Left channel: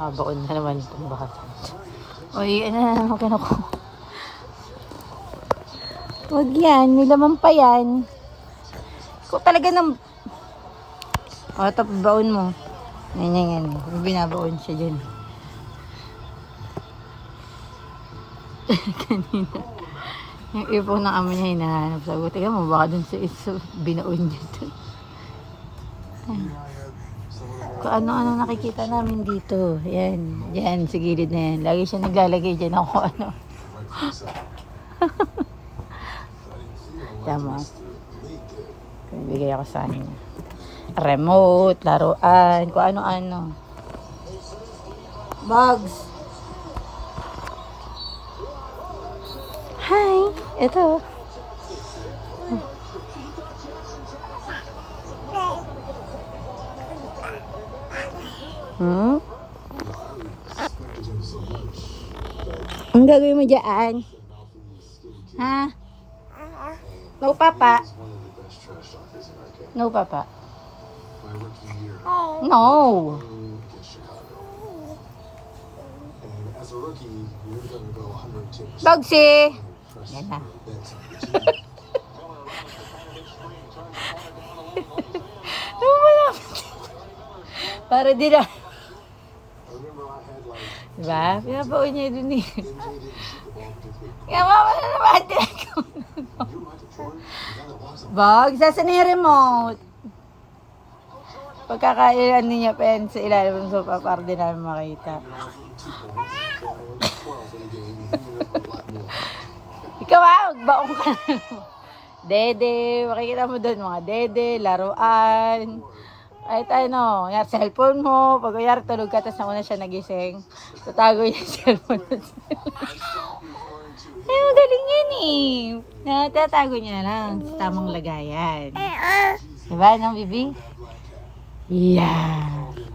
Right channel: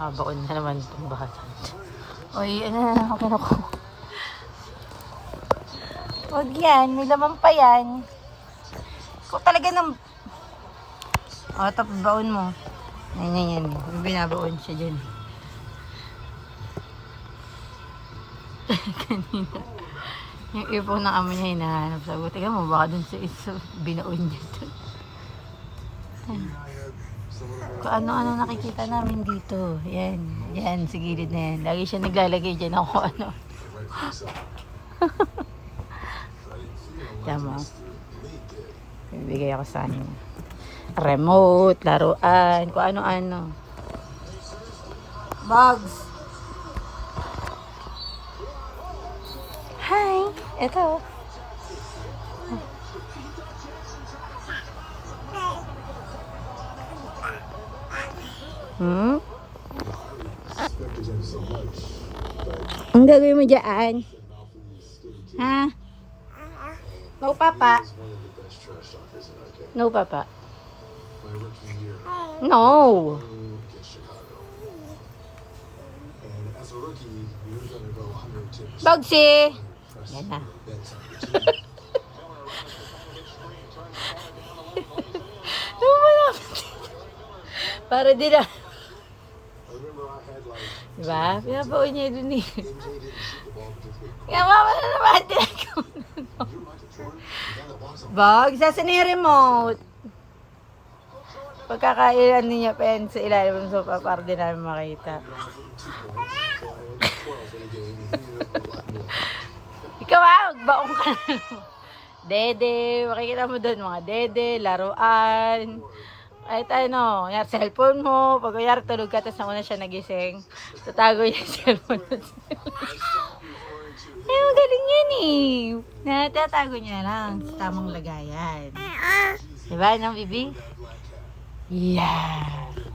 Habaon na naman itong bata. Uy, ano na naman kinukuha. Huwag yan, may laman pa yan. So talaga ng... O, tapos baon mo. Yan. May binabaon siya dyan. Kanina. Yung ipon ng amin na hinahanap. Sabi ko, tingnan mo, baka dun sa iso, binaon niya dun. So, ano nakikita namin dito. Yan, sa gilid na yan. Lagi siya naglalagay dyan ako, ano. Tama. Bigay ako sa amin. Remote, laruan, kung ano-ano. Bugs. Hi, ito. Ang gagawin mo dyan? Ha? No, Papa. No, Papa. No. Bugsy. Yan na. Para di na. Diba? Pinabaon niya dun eh. Kaya mama na naman tinagawa. Bag, saan yung remote? Pagkakailan niya pa yan sa ilalim ng sofa para din namin makita. Ikaw magbaong ka na. Dede, makikita mo doon mga dede, laruan. Kahit ano, yung cellphone mo, pag uyar tulog ka, tapos nauna siya nagising, tatago yung cellphone mo. Ay, magaling yan eh. Tatago niya lang sa tamang lagayan. Diba, no, Bibi? Yeah.